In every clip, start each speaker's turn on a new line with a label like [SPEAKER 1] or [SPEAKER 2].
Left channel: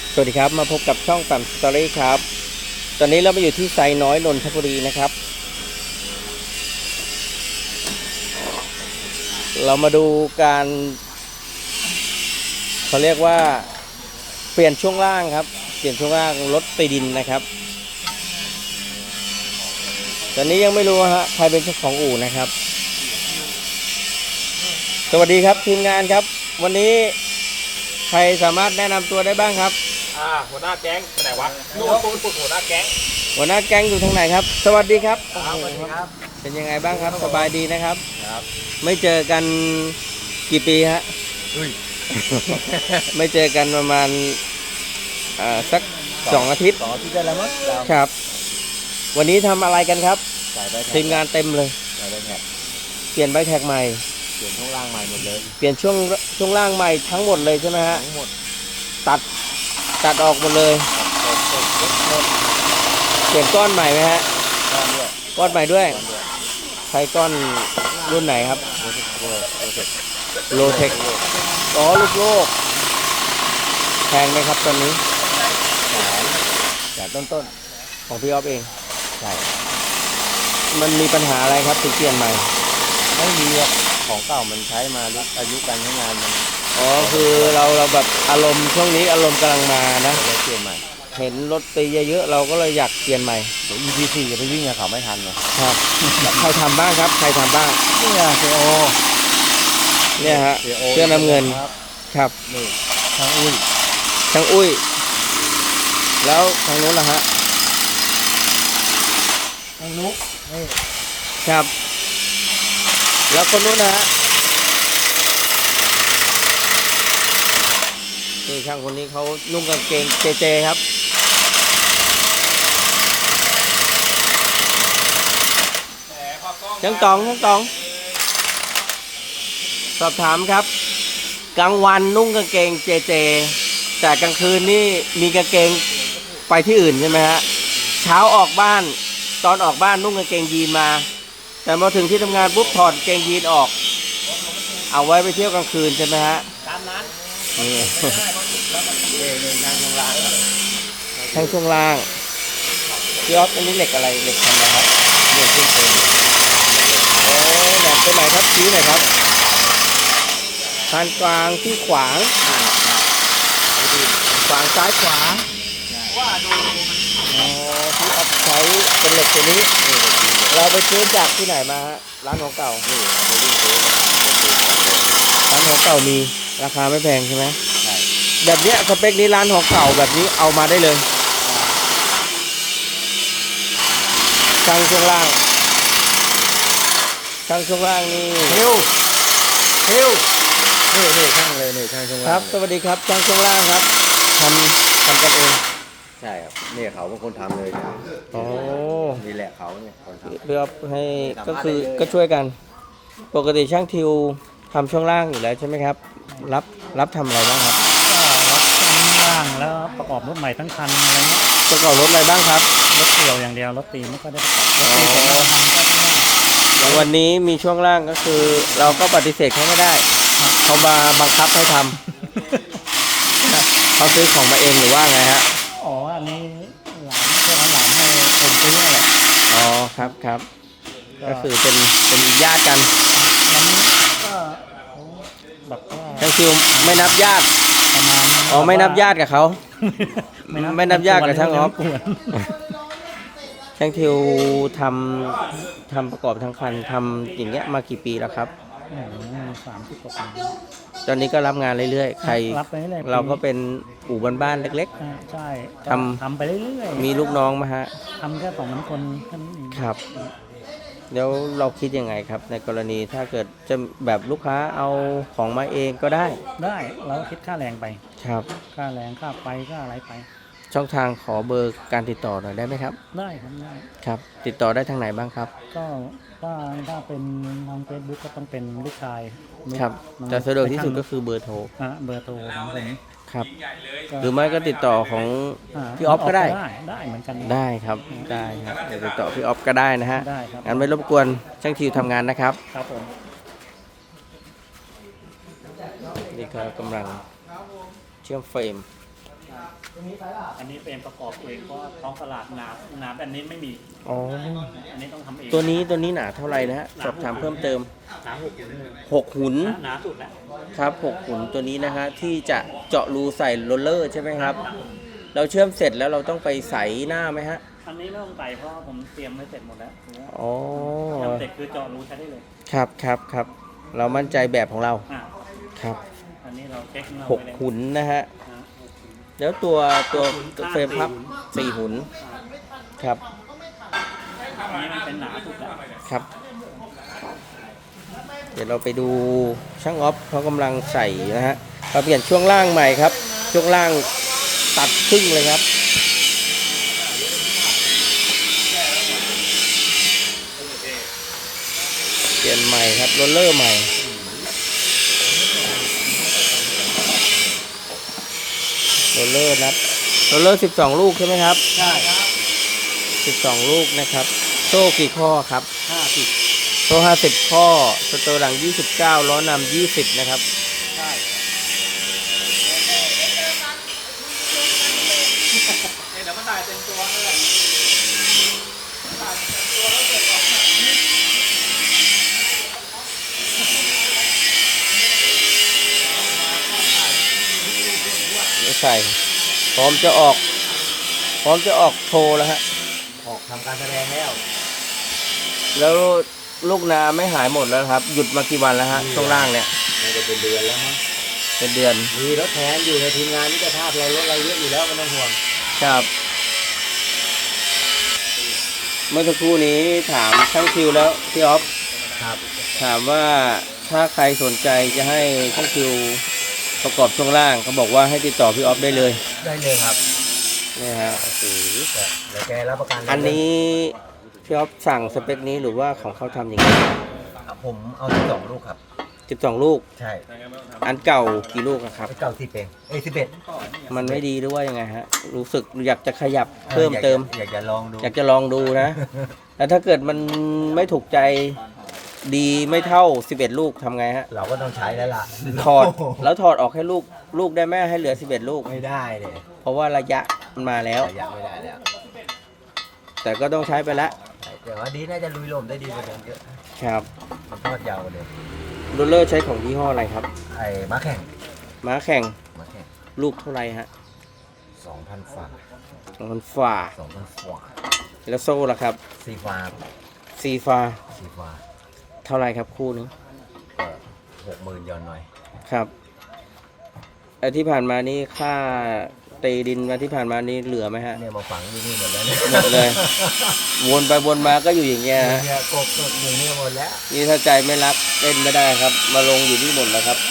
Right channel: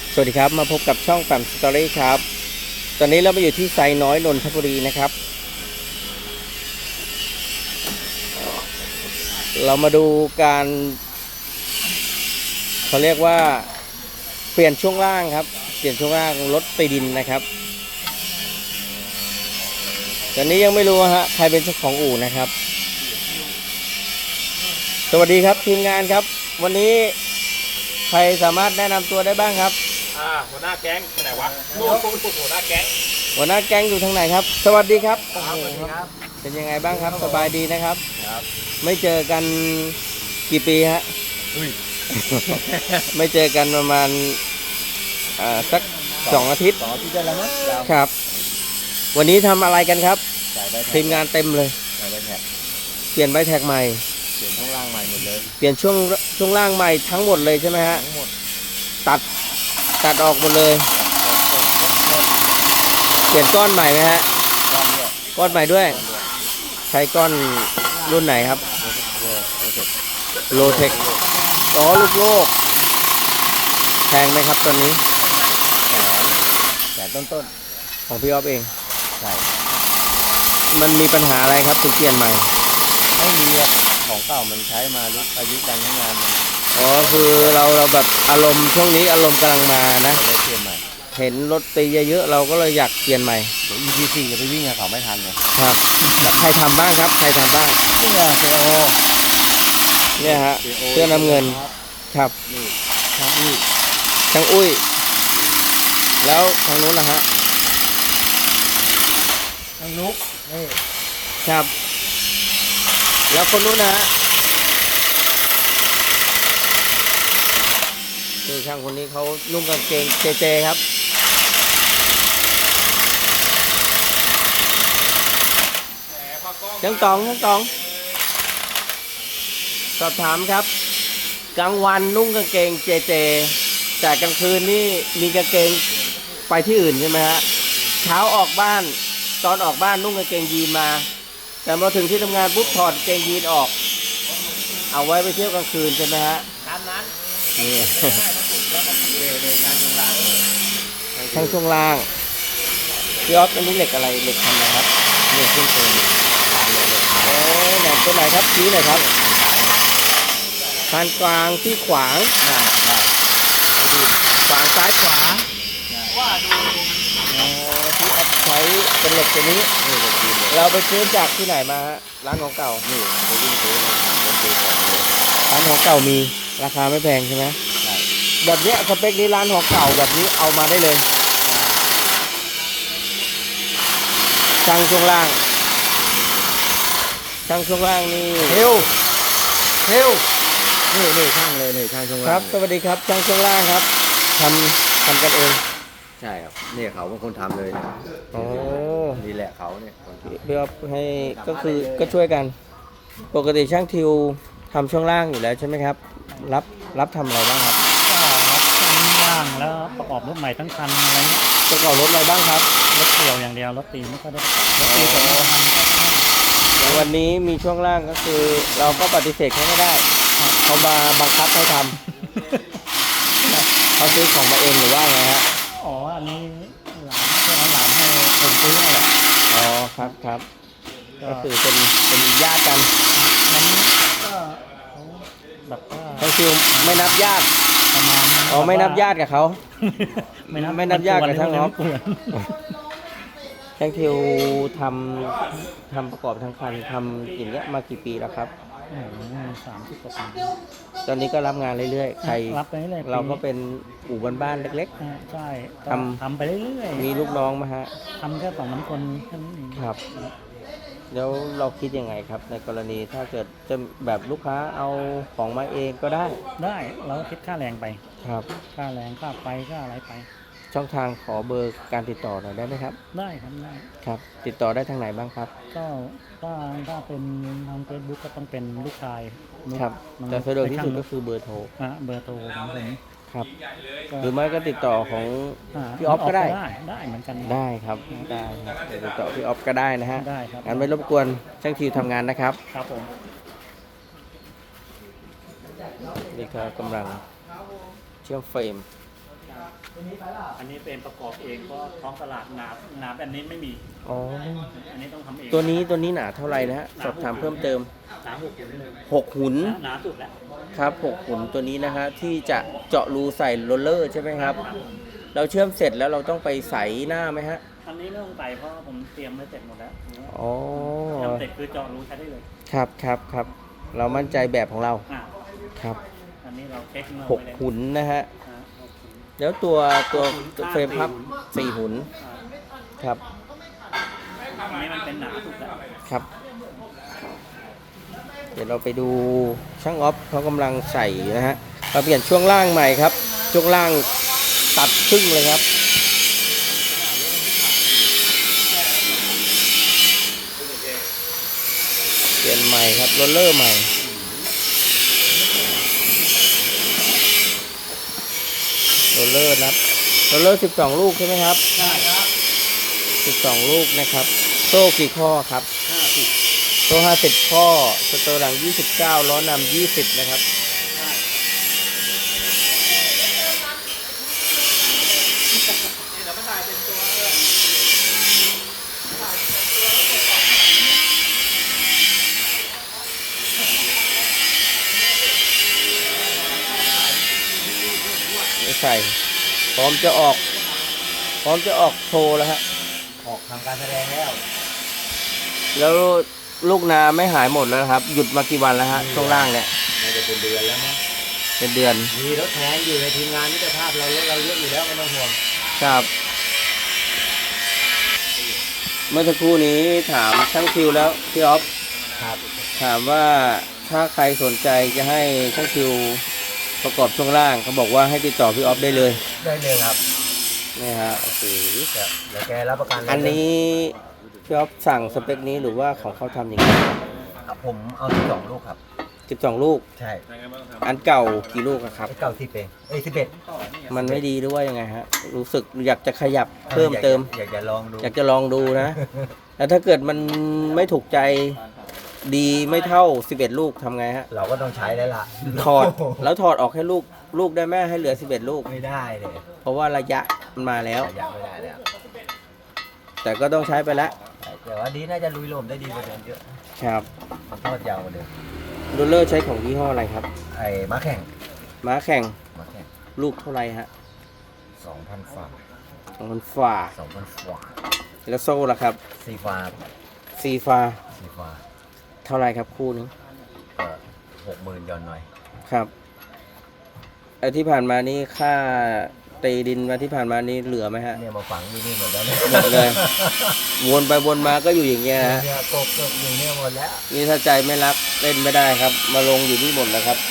[SPEAKER 1] สวัสดีครับมาพบกับช่องปั๊มสตอรี่ครับตอนนี้เรามาอยู่ที่ไซน้อยนนทบุรีนะครับเรามาดูการเขาเรียกว่าเปลี่ยนช่วงล่างครับเปลี่ยนช่วงล่างรถตีดินนะครับตอนนี้ยังไม่รู้ฮะใครเป็นเจ้าของอู่นะครับสวัสดีครับทีมงานครับวันนี้ใครสามารถแนะนำตัวได้บ้างครับ
[SPEAKER 2] หัวหน้าแก๊งไปไหนวะนู่นหัวหน้าแก๊ง
[SPEAKER 1] หัวหน้าแก๊งอยู่ทางไหนครับสวัสดีครับ
[SPEAKER 2] สวัสดีครับ
[SPEAKER 1] เป็นยังไงบ้างครับสบายดีนะครับ
[SPEAKER 2] ครับ
[SPEAKER 1] ไม่เจอกันกี่ปีฮะไม่เจอกันประมาณสัก2 อาทิตย์
[SPEAKER 2] ได้แล้วมั้ง
[SPEAKER 1] ครับวันนี้ทำอะไรกันครับทีมงานเต็มเลย
[SPEAKER 2] ใส่ใบแท็ก
[SPEAKER 1] เปลี่ยนใบแท็กใหม่
[SPEAKER 2] เปลี่ยนช่วงล่างใหม่หมดเลย
[SPEAKER 1] เปลี่ยนช่วงล่างใหม่ทั้งหมดเลยใช่ไหมฮะ
[SPEAKER 2] ทั้งหมด
[SPEAKER 1] ตัดออกหมดเลยเปลี่ยนก้อนใหม่ไหมฮะก้อนใหม่ด้วยใช้ก้อนรุ่นไหนครับโลเทคอ๋อลูกโลกแพงไหมครับตอนนี้
[SPEAKER 2] แสนต้น
[SPEAKER 1] ของพี่อ๊อฟเอง
[SPEAKER 2] ใช่
[SPEAKER 1] มันมีปัญหาอะไรครับถึงเปลี่ยนใหม่
[SPEAKER 2] ไม่มีของเก่ามันใช้มาอายุการใช้งานมัน
[SPEAKER 1] อ๋อคือเราแบบอารมณ์ช่วงนี้อารมณ์กำลังมานะ
[SPEAKER 2] เลยเปลี่ยนใหม่
[SPEAKER 1] เห็นรถตีเยอะๆเราก็เลยอยากเปลี่ยนใหม่
[SPEAKER 2] เดี๋ยว ETC จะไปวิ่งกับเขาไม่ทันไง
[SPEAKER 1] ครับใครทำบ้างครับใครทำบ้าง
[SPEAKER 2] นี่เซโอ
[SPEAKER 1] เนี่ยฮะเสื้อน้ำเงินครับช่างอุ้ยแล้วทางนู้นล่ะฮะ
[SPEAKER 2] ทางนุ๊ก
[SPEAKER 1] ครับแล้วคนนู้นนะฮะนี่ช่างคนนี้เขานุ่งกางเกงเจครับช่างตองสอบถามครับกลางวันนุ่งกางเกงเจแต่กลางคืนนี่มีกางเกงไปที่อื่นใช่ไหมฮะเช้าออกบ้านตอนออกบ้านนุ่งกางเกงยีนมาแต่มาถึงที่ทำงานปุ๊บถอดกางเกงยีนออกเอาไว้ไปเที่ยวกลางคืนใช่ไหมฮะ
[SPEAKER 2] ตามนั้น
[SPEAKER 1] นี่แท่งช่วงล่างพี่อ๊อฟอันนี้เหล็กอะไรเหล็กทำอะไรครับ
[SPEAKER 2] เรียกขึ้นตัว
[SPEAKER 1] โอ้แหนมตัวไหนครับชี้หน่อยครับพานกลางที่ขวางซ้ายขวา
[SPEAKER 2] ว่าดู
[SPEAKER 1] อ๋อที่อ๊อฟใช้เป็นเหล็กตัวนี้เราไปซื้อจากที่ไหนมาฮะร้านของเก่า
[SPEAKER 2] นี่ไปวิ่งซื้อ
[SPEAKER 1] ร้านของเก่ามีราคาไม่แพงใช่ไหม
[SPEAKER 2] ใช่
[SPEAKER 1] แบบเนี้ยสเปคนี้ร้านของเก่าแบบนี้เอามาได้เลยช่างช่วงล่างนี่
[SPEAKER 2] เฮลนี่ช่างเลยนี่ช่างช่วงล่าง
[SPEAKER 1] ครับสวัสดีครับช่างช่วงล่างครับทำกันเอง
[SPEAKER 2] ใช่ครับนี่เขาเป็นคนทำเลย
[SPEAKER 1] อ๋อ
[SPEAKER 2] นี่แหละเขาเนี่ย
[SPEAKER 1] เพื่อให้ก็ช่วยกันปกติช่างทิวทำช่วงล่างอยู่แล้วใช่ไหมครับรับทำอะไรบ้างครับ
[SPEAKER 3] ก็รับช่วงล่างแล้วประกอบรถใหม่ทั้งคันอะไรเงี้ย
[SPEAKER 1] ประกอบรถอะไรบ้างครับ
[SPEAKER 3] รถเกี่ยวอย่างเดียวรถตีไม่ค่อยได้ประกอบรถตีผมทำก็ต้อง
[SPEAKER 1] อย่างวันนี้มีช่วงล่างก็คือเราก็ปฏิเสธเขาไม่ได้เขามาบังคับให้ทำเขาซื้อของมาเองหรือว่าไงฮะ
[SPEAKER 3] อ๋ออันนี้หลานให้ผมซื้ออะไร
[SPEAKER 1] อ๋อครับก็คือเป็นญาติกัน
[SPEAKER 3] มันก็แบบว่า
[SPEAKER 1] ทั้งคิวไม่นับญาติ
[SPEAKER 3] ประมาณ
[SPEAKER 1] อ๋อไม่นับญาติกับเขาไม่นับญาติกับช่างอ๊อฟช่างทิวทำประกอบทั้งคันทำอย่างเงี้ยมากี่ปีแล้วครับ
[SPEAKER 3] 30 กว่าปี
[SPEAKER 1] ตอนนี้ก็รับงานเรื่อยๆใคร
[SPEAKER 3] รับไปเรื่อย
[SPEAKER 1] เราก็เป็นอู่บ้านๆเล็ก
[SPEAKER 3] ๆใช่ทำไปเรื่อย
[SPEAKER 1] ๆมีลูกน้องมาฮะ
[SPEAKER 3] ทำแค่2-3 คนแค่นั้นเอง
[SPEAKER 1] ครับแล้วเราคิดยังไงครับในกรณีถ้าเกิดจะแบบลูกค้าเอาของมาเองก็ได้
[SPEAKER 3] เราคิดค่าแรงไป
[SPEAKER 1] ครับ
[SPEAKER 3] ค่าแรงค่าไปค่าอะไรไป
[SPEAKER 1] ช่องทางขอเบอร์การติดต่อหน่อยได้ไหมครับ
[SPEAKER 3] ได้ครับได้
[SPEAKER 1] ครับติดต่อได้ทางไหนบ้างครับ
[SPEAKER 3] ก็ถ้าเป็นทาง Facebook ก็ต้องเป็นลูกชาย
[SPEAKER 1] ครับแต่สะดวกที่สุดก็คือเบอร์โทร
[SPEAKER 3] เบอร์โทรของผม
[SPEAKER 1] ครับหรือไม่ก็ติดต่อของพี่อ๊อฟก็ได้
[SPEAKER 3] เหมือนกัน
[SPEAKER 1] ได้ครับติดต่อพี่อ๊อฟก็ได้นะฮะ
[SPEAKER 3] ได้ครับ
[SPEAKER 1] งั้นไม่รบกวนช่างทิวทำงานนะครับ
[SPEAKER 3] ครับผม
[SPEAKER 1] นี่ก็กำลังเชื่อมเฟรม
[SPEAKER 3] อันนี้เป็นประกอบเองเพราะท้องตลาดหนาแบบนี้ไม่มี
[SPEAKER 1] อ๋อ
[SPEAKER 3] อันนี้ต้องทำเอง
[SPEAKER 1] ตัวนี้หนาเท่าไหร่นะฮะ สอบถามเพิ่มเติม
[SPEAKER 3] หนา6 หุ่นเลย
[SPEAKER 1] 6 หุน
[SPEAKER 3] หนาสุดแล้ว
[SPEAKER 1] ครับ6 หุนตัวนี้นะฮะที่จะเจาะรูใส่โรลเลอร์ใช่ไหมครับ เราเชื่อมเสร็จแล้วเราต้องไปใส่หน้าไหมฮะ
[SPEAKER 3] อันนี้ไม่ต้องใส่เพราะผมเตรียมไว้เสร็จหมดแล้ว
[SPEAKER 1] อ๋อ
[SPEAKER 3] ทำเสร็จคือเจาะรูใช้ได้เลย
[SPEAKER 1] ครับ เรามั่นใจแบบของเรา
[SPEAKER 3] อ่า
[SPEAKER 1] ครับ
[SPEAKER 3] อันนี้เราเช็คเราไปเลย
[SPEAKER 1] 6 หุนนะฮะ
[SPEAKER 3] อ่า6 หุ่น
[SPEAKER 1] แล้วตัว
[SPEAKER 3] ข้าง
[SPEAKER 1] เฟรมพับ 4 หุน
[SPEAKER 3] อ่า
[SPEAKER 1] ครับ
[SPEAKER 3] อันนี้มันเป็นหนาสุดแล้ว
[SPEAKER 1] ครับ เดี๋ยวเราไปดูช่างออฟเขากำลังใส่นะฮะเราเปลี่ยนช่วงล่างใหม่ครับ ช่วงล่างตัดครึ่งเลยครับ เปลี่ยนใหม่ครับโรลเลอร์ใหม่โรลเลอร์นับโรลเลอร์12 ลูกใช่ไหมครับ
[SPEAKER 3] ใช่ครับ
[SPEAKER 1] 12 ลูกนะครับ โซ่กี่ข้อครับ
[SPEAKER 3] 50
[SPEAKER 1] โซ่50 ข้อสเตอร์หลัง29 ล้อนำ20 นะครับ
[SPEAKER 3] ใช่เดี๋ยวมันถ่ายเต็มตัวเลย
[SPEAKER 1] ไม่ใส่พร้อมจะออกโชว์แล้วฮะ
[SPEAKER 2] ออกทำการแสดงแล้ว
[SPEAKER 1] แล้วลูกนาไม่หายหมดแล้วนะครับ หยุดมากี่วันแล้วฮะช่วงล่างเนี่ย
[SPEAKER 2] น่าจะเป็นเดือนแล้วมั้ง
[SPEAKER 1] เป็นเดือน
[SPEAKER 2] มีรถแทนอยู่ในทีมงานมิตรภาพเรารถเราเยอะอยู่แล้วไม่ต้องห่วง
[SPEAKER 1] ครับ เมื่อสักครู่นี้ถามช่างคิวแล้วพี่ออฟ
[SPEAKER 2] ครับ
[SPEAKER 1] ถามว่าถ้าใครสนใจจะให้ช่างคิวประกอบช่วงล่างเขาบอกว่าให้ติดต่อพี่ออฟได้เลย
[SPEAKER 2] ได้เลยครับ
[SPEAKER 1] นี่ฮะ
[SPEAKER 2] โอ้โหเดี๋ยวแกรับประกันเลย
[SPEAKER 1] อันนี้พี่ออฟสั่งสเปคนี้หรือว่าของเขาทำอย่างนี้
[SPEAKER 2] ผมเอา12 ลูกครับ
[SPEAKER 1] 12 ลูก
[SPEAKER 2] ใช่
[SPEAKER 1] อันเก่ากี่ลูกอะครับ
[SPEAKER 2] เก่า10 เอง11
[SPEAKER 1] มันไม่ดีหรือว่ายังไงฮะ รู้สึกอยากจะขยับเพิ่มเติม
[SPEAKER 2] อยากจะลองดู
[SPEAKER 1] อยากจะลองดูนะ แล้วถ้าเกิดมันไม่ถูกใจดีไม่เท่า 11 ลูกทำไงฮะ
[SPEAKER 2] เราก็ต้องใช้แล้วล่ะ
[SPEAKER 1] ถอดแล้วถอดออกให้ลูกได้แม่ให้เหลือ 11 ลูก
[SPEAKER 2] ไม่ได้เลย
[SPEAKER 1] เพราะว่าระยะมันมาแล้ว
[SPEAKER 2] ระยะไม่ได้แล้ว
[SPEAKER 1] แต่ก็ต้องใช้ไปแล้ว
[SPEAKER 2] แต่ว่าดีน่าจะลุยลมได้ดีกว่าเดิมเยอะ
[SPEAKER 1] ครับ
[SPEAKER 2] มันทอดยาวกว่าเดิม
[SPEAKER 1] โรลเลอร์ใช้ของยี่ห้ออะไรครับ
[SPEAKER 2] ไอ้ม้าแข่ง
[SPEAKER 1] ม้าแข่ง
[SPEAKER 2] ม้าแข่ง
[SPEAKER 1] ลูกเท่าไหร่ฮะ
[SPEAKER 2] 2,000 ฝา
[SPEAKER 1] มันฝ่า
[SPEAKER 2] 2,000 ฝา
[SPEAKER 1] แล้วโซ่ล่ะครับ
[SPEAKER 2] ซีฟา
[SPEAKER 1] ซีฟ้า
[SPEAKER 2] ซีฟา
[SPEAKER 1] เท่าไหร่ครับคู่นึง
[SPEAKER 2] ก็60,000ย้อนหน่อย
[SPEAKER 1] ครับไอ้ที่ผ่านมานี่ค่าตีดินมาที่ผ่านมานี่เหลือไหมฮะ
[SPEAKER 2] เนี่ยมาฝังอยู่นี่หมดแล้วเนี่ย
[SPEAKER 1] หมดเลย วนไปวนมาก็อยู่อย่างเงี้ยฮะ
[SPEAKER 2] เนี่ยกบอยู่นี่หมดแล้ว
[SPEAKER 1] นี่ถ้าใจไม่รักเล่นไม่ได้ครับ มาลงอยู่นี่หมดแล้วครับ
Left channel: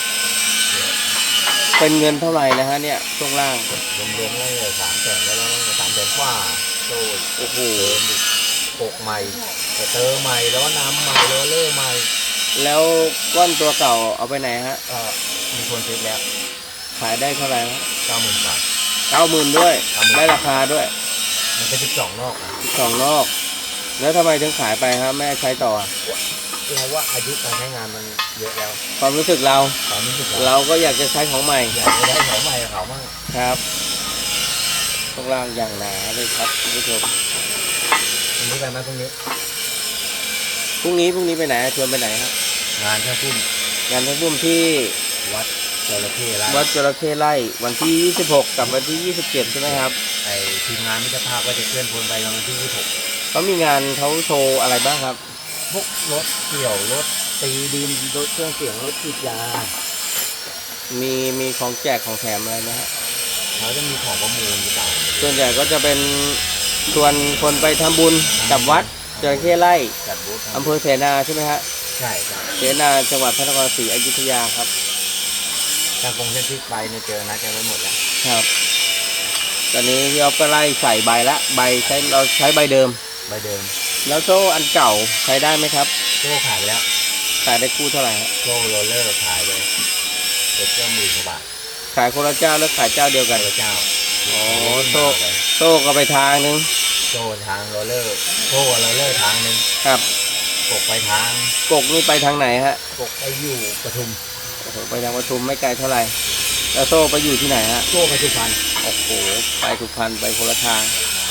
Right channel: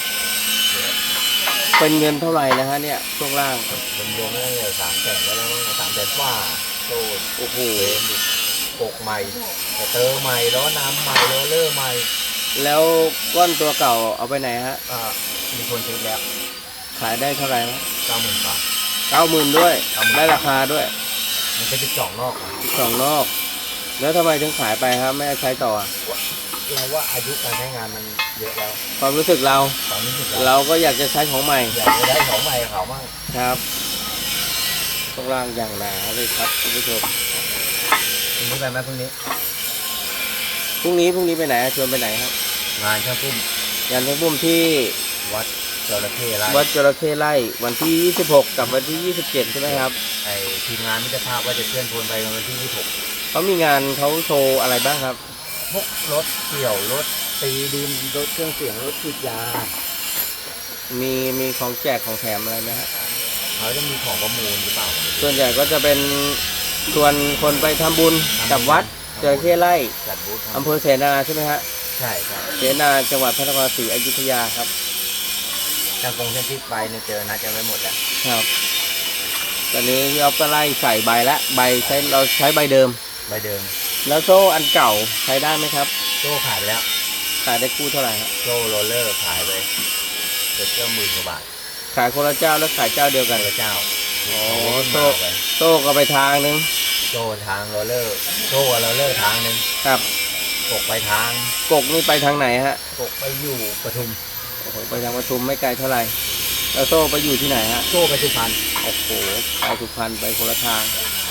[SPEAKER 1] เป็นเงินเท่าไหร่นะฮะเนี่ยช่วงล่าง
[SPEAKER 2] รวมๆแล้วเนี่ย300,000แล้ว300,000ฝ่าโซ่
[SPEAKER 1] โอ้โห
[SPEAKER 2] เฟรมอีกปกใหม่สเตอร์ใหม่ล้อน้ำใหม่โรลเลอร์ใหม่
[SPEAKER 1] แล้วก้อนตัวเก่าเอาไปไหนฮะ
[SPEAKER 2] มีคนซื้อแล้ว
[SPEAKER 1] ขายได้เท่าไหร่ฮะ
[SPEAKER 2] 90,000 บาท
[SPEAKER 1] 90,000ด้วย
[SPEAKER 2] 90,000
[SPEAKER 1] ได้ราคาด้วย
[SPEAKER 2] มันเป็น12 นอกอะ
[SPEAKER 1] สองนอก แล้วทำไมถึงขายไปฮะแม่ใช้ต่ออะ
[SPEAKER 2] เราว่าอายุการใช้งานมันเยอะแล้ว
[SPEAKER 1] ความรู้สึกเรา
[SPEAKER 2] ตอนนี้สึก
[SPEAKER 1] เราก็อยากจะใช้ของใหม่
[SPEAKER 2] อยากจะได้ของใหม่กับเขามั่ง
[SPEAKER 1] ครับช่วงล่างอย่างหนาเลยครับคุณผู้ชม
[SPEAKER 2] พรุ่งนี้ไปไหมพรุ่งนี้
[SPEAKER 1] พรุ่งนี้ไปไหนชวนไปไหนครับ
[SPEAKER 2] งานช่างพุ่ม
[SPEAKER 1] งานทั้งบุ้มที่
[SPEAKER 2] วัดจระเข้ไร่
[SPEAKER 1] วัดจระเข้ไร่วันที่ 26 กับวันที่ 27 ใช่ไหมครับ
[SPEAKER 2] ไอทีมงานมิตรภาพว่าจะเคลื่อนพลไปวันที่
[SPEAKER 1] เขามีงานเขาโชว์อะไรบ้างครับ
[SPEAKER 2] 26พวกรถเกี่ยวรถตีดินรถเครื่องเสียงรถฉีดยา
[SPEAKER 1] มีของแจกของแถมอะไรนะฮะ
[SPEAKER 2] เขาจะมีของประมูลหรือเปล่าก็ไม่รู้
[SPEAKER 1] ส่วนใหญ่ก็จะเป็นชวนคนไปทำบุญกับวัดจระเข้ไร่
[SPEAKER 2] จัดบูธ
[SPEAKER 1] อำเภอเสนาใช่ไหมฮะ
[SPEAKER 2] ใช่ใช่
[SPEAKER 1] เสนาจังหวัดพระนครศรีอยุธยาครับ
[SPEAKER 2] ทางกงเส้นทิศไปเนี่ยเจอนัดกันไว้หมดแล้ว
[SPEAKER 1] ครับ ตอนนี้พี่อ๊อฟก็ไล่ใส่ใบละใบเราใช้ใบเดิม
[SPEAKER 2] ใบเดิม
[SPEAKER 1] แล้วโซ่อันเก่าใช้ได้ไหมครับ
[SPEAKER 2] โซ่ขายไปแล้ว
[SPEAKER 1] ขายได้คู่เท่าไหร่ฮะ
[SPEAKER 2] โซ่โรลเลอร์ขายไปเกือบจะ10,000 กว่าบาท
[SPEAKER 1] ขายคนละเจ้าแล้วขายเจ้าเดียวกัน
[SPEAKER 2] พระเจ้า
[SPEAKER 1] อ๋อ
[SPEAKER 2] โซ่
[SPEAKER 1] โซ่ก็ไปทางนึง
[SPEAKER 2] โซ่ทางโรลเลอร์โซ่กับโรลเลอร์ทางหนึ่ง
[SPEAKER 1] ครับ
[SPEAKER 2] กกไปทาง
[SPEAKER 1] กกนี่ไปทางไหนฮะ
[SPEAKER 2] กกไปอยู่ปทุม
[SPEAKER 1] โอ้โหไปทางปทุมไม่ไกลเท่าไหร่แล้วโซ่ไปอยู่ที่ไหนฮะ
[SPEAKER 2] โซ่ไปสุพรรณ
[SPEAKER 1] โอ้โหไปสุพรรณไปคนละทาง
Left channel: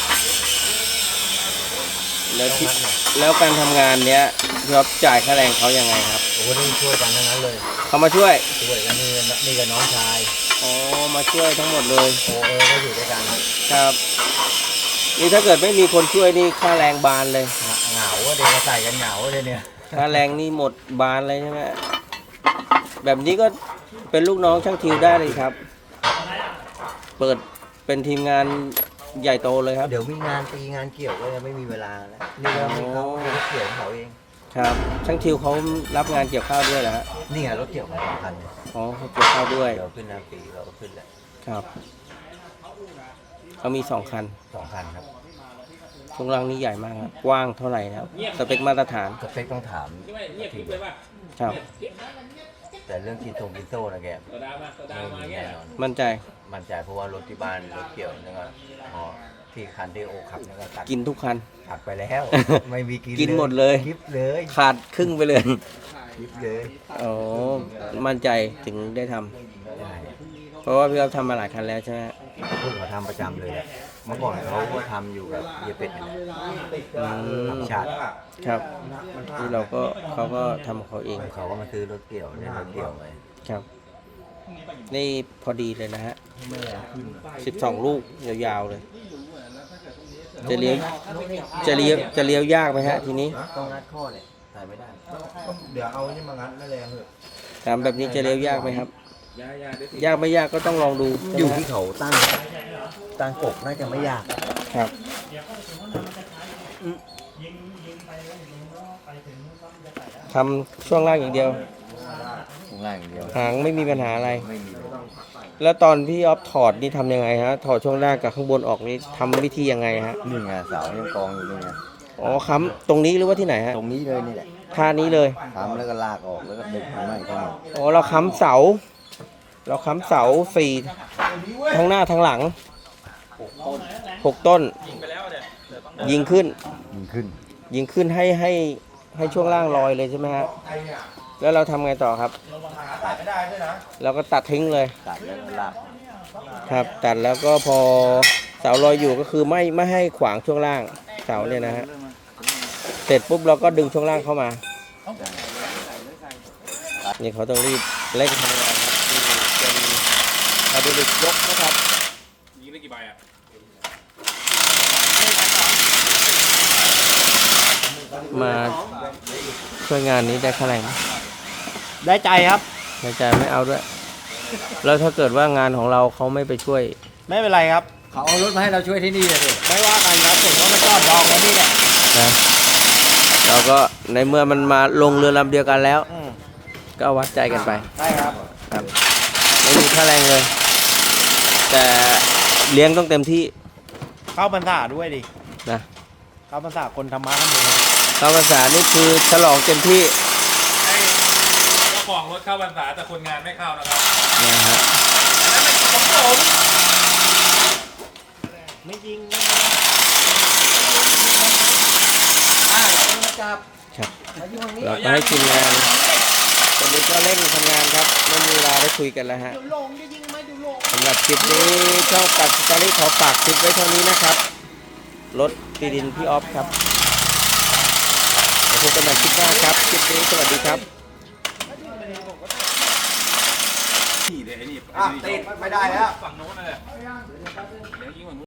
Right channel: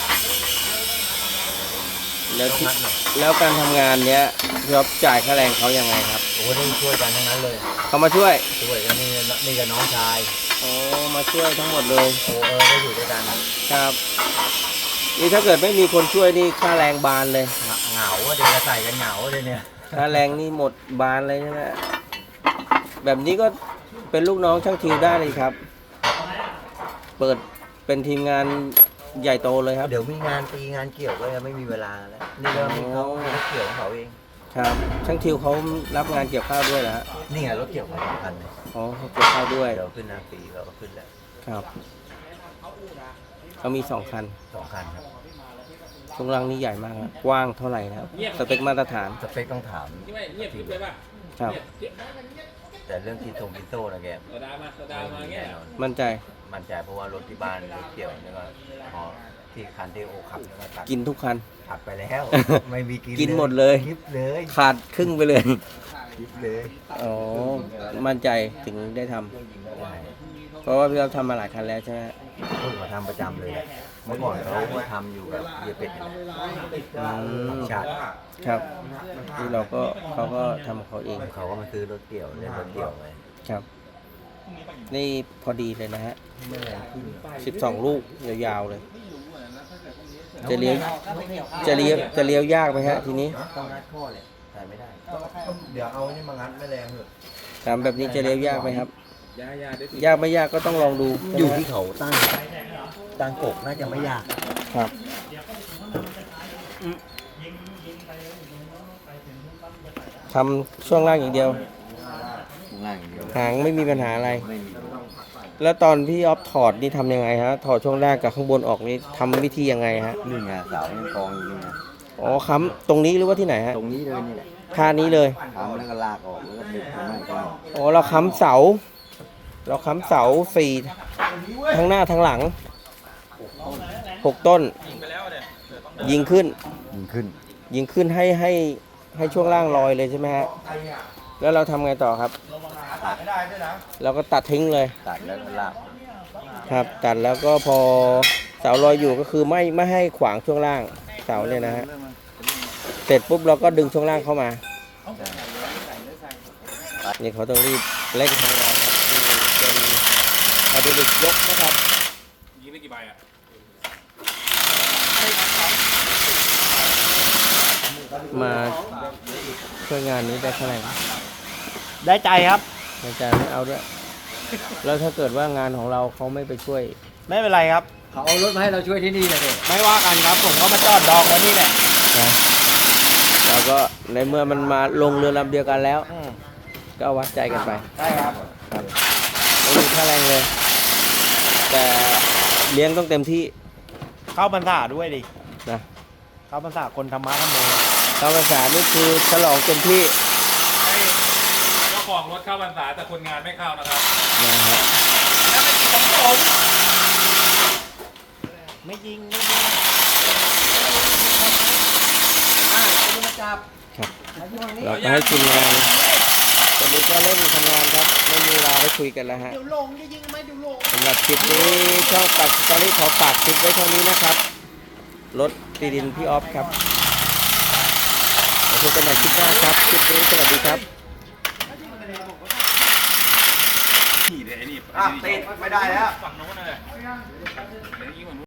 [SPEAKER 1] แล้วที่แล้วการทำงานเนี้ยพี่อ๊อฟจ่ายค่าแรงเขายังไงครับ
[SPEAKER 2] โอ้โหต้องช่วยกันทั้งนั้นเลย
[SPEAKER 1] เขามาช่วย
[SPEAKER 2] ช่วยกันนี่กับน้องชาย
[SPEAKER 1] อ๋อมาช่วยทั้งหมดเลย
[SPEAKER 2] โอ้ก็อยู่ด้วยกัน
[SPEAKER 1] ครับนี่ถ้าเกิดไม่มีคนช่วยนี่ค่าแรงบานเลย
[SPEAKER 2] เหงาเดี๋ยวก็ใส่กันเหงาเลยเนี่ย
[SPEAKER 1] ค่าแรงนี่หมดบานเลยใช่ไหมแบบนี้ก็เป็นลูกน้องช่างทิวได้เลยครับ เปิดเป็นทีมงานใหญ่โตเลยครับ
[SPEAKER 2] เดี๋ยวมีงานตีงานเกี่ยวก็ยังไม่มีเวลาแล้วนี่ก็มีเขารถเกี่ยวของเขาเอง
[SPEAKER 1] ครับช่างทิวเขารับงานเกี่ยวข้าวด้วยเหรอฮะ
[SPEAKER 2] นี่ไงรถเกี่ยวของสำคัญเลย
[SPEAKER 1] อ๋อเขาเกี่ยวข้าวด้วย
[SPEAKER 2] เดี๋ยวขึ้นน้ำปีเราก็ขึ้นแล้ว
[SPEAKER 1] ครับเขามี2 คัน
[SPEAKER 2] 2 คันครับ
[SPEAKER 1] ช่วงล่างนี่ใหญ่มากครับกว้างเท่าไหร่นะครับสเปคมาตรฐาน
[SPEAKER 2] สเปคต้องถามทีม
[SPEAKER 1] ครับ
[SPEAKER 2] แต่เรื่องกินโซ่นะแกไม่มีแน่นอน
[SPEAKER 1] มั่นใจ
[SPEAKER 2] มั่นใจเพราะว่ารถที่บ้านรถเกี่ยวนี่ก็พอที่คันที่โอขับนี่ก็ตัด
[SPEAKER 1] กินทุกคัน
[SPEAKER 2] ตัดไปแล้ว ไม่มีกิน
[SPEAKER 1] กินหมดเลย
[SPEAKER 2] คลิปเลย
[SPEAKER 1] ขาดครึ่งไปเลย
[SPEAKER 2] คลิปเลย
[SPEAKER 1] อ๋อมั่นใจถึงได้ทำ
[SPEAKER 2] ใช่
[SPEAKER 1] เพราะว่าพี่เราทำมาหลายคันแล้วใช่ไหม
[SPEAKER 2] เพิ่งมาทำประจำเลยแหละเมื่อก่อนเขาก็ทำอยู่กับเยียเป็ดนี่แหละ
[SPEAKER 1] อืม
[SPEAKER 2] ทำชาติ
[SPEAKER 1] ครับที่เราก็เขาก็ทำของเขาเอง
[SPEAKER 2] เขาก็มาซื้อรถเกี่ยวเล่นรถเกี่ยวไป
[SPEAKER 1] ครับ นี่พอดีเลยนะฮะ12 ลูกยาวๆเลย จะเลี้ยวจะเลี้ยวยากไหมฮะทีนี้
[SPEAKER 2] ต้องงัดข้อเนี่ยใส่ไม่ได้เดี๋ยวเอานี่มางัดไม่แรงเถอะ
[SPEAKER 1] ถามแบบนี้จะเลี้ยวยากไหมครับ ยากไม่ยากก็ต้องลองดู
[SPEAKER 2] อยู่ที่เขาตั้งกบน่าจะไม่ยาก
[SPEAKER 1] ครับทำช่วงล่างอย่างเดียว
[SPEAKER 2] ข้างล่างอย่างเดียว
[SPEAKER 1] หางไม่มีปัญหาอะไร
[SPEAKER 2] ไม่มี
[SPEAKER 1] แล้วตอนพี่ออฟถอดนี่ทำยังไงฮะ ถอดช่วงล่างกับข้างบนออกนี่ทำวิธียังไงฮะ
[SPEAKER 2] นี่ไงเสายังกองอยู่นี่ไง
[SPEAKER 1] อ๋อค้ำตรงนี้หรือว่าที่ไหนฮะ
[SPEAKER 2] ตรงนี้เลยนี่แหละ
[SPEAKER 1] ท่านี้เลย
[SPEAKER 2] ทำแล้วก็ลากออกแล้วก็ดึงข้างในข้างนอก
[SPEAKER 1] อ๋อเราค้ำเสา สี่ทั้งหน้าทั้งหลัง6 ต้น ยิงขึ้น
[SPEAKER 2] ยิงขึ้น
[SPEAKER 1] ยิงขึ้นให้ช่วงล่างลอยเลยใช่ไหมฮะ แล้วเราทำไงต่อครับ เราก็ตัดทิ้งเลย
[SPEAKER 2] ตัดแล้วก็ลาก
[SPEAKER 1] ครับ ตัดแล้วก็พอเสาลอยอยู่ก็คือไม่ให้ขวางช่วงล่างเสาเนี่ยนะฮะ เสร็จปุ๊บเราก็ดึงช่วงล่างเข้ามา นี่เขาต้องรีบเร่งทำงานครับนี่เป็นไฮดรอลิกยกนะครับ
[SPEAKER 4] ยิงได้กี่ใบอ่ะ
[SPEAKER 1] มาช่วยงานนี้ได้เท่าไหร่นะ
[SPEAKER 3] ได้ใจครับ
[SPEAKER 1] ในใจไม่เอาด้วย แล้วถ้าเกิดว่างานของเราเขาไม่ไปช่วย
[SPEAKER 3] ไม่เป็นไรครับ
[SPEAKER 2] เขาเอารถมาให้เราช่วยที่นี่เลยดิ
[SPEAKER 3] ไม่ว่ากันครับผมก็มาจอดดองไว้นี่แหละ
[SPEAKER 1] นะเราก็ในเมื่อมันมาลงเรือลำเดียวกันแล้ว ก็วัดใจกันไป
[SPEAKER 3] ได้ครับ
[SPEAKER 1] ครับไม่มีค่าแรงเลย แต่เลี้ยงต้องเต็มที่
[SPEAKER 3] เข้าพรรษาด้วยดิ
[SPEAKER 1] นะ
[SPEAKER 3] เข้าพรรษาคนธรรมะธรรมโม
[SPEAKER 1] ตามภาษานี่คือฉลองเต็มที่
[SPEAKER 4] ให้เจ้าของรถเข้าพรรษาแต่คนงานไม่เข้านะครับ
[SPEAKER 1] นะฮะ
[SPEAKER 4] แล้วไม่ของผม
[SPEAKER 3] ไม่ยิง
[SPEAKER 1] ครับเราก็ให้ทีมงานตอนนี้ก็เร่งทำงานครับไม่มีเวลาได้คุยกันแล้วฮะสำหรับคลิปนี้ช่องปัดสตอรี่ขอฝากคลิปไว้เท่านี้นะครับรถตีดินพี่ออฟครับเดี๋ยวพบกันใหม่คลิปหน้าครับคลิปนี้สวัสดีครับ
[SPEAKER 4] นี่เดี๋ยวไอ้นี่
[SPEAKER 2] ติดไม่ได้แล้ว
[SPEAKER 4] ฝั่งโน้นเลยเดี๋ยวยิงฝั่งโน้น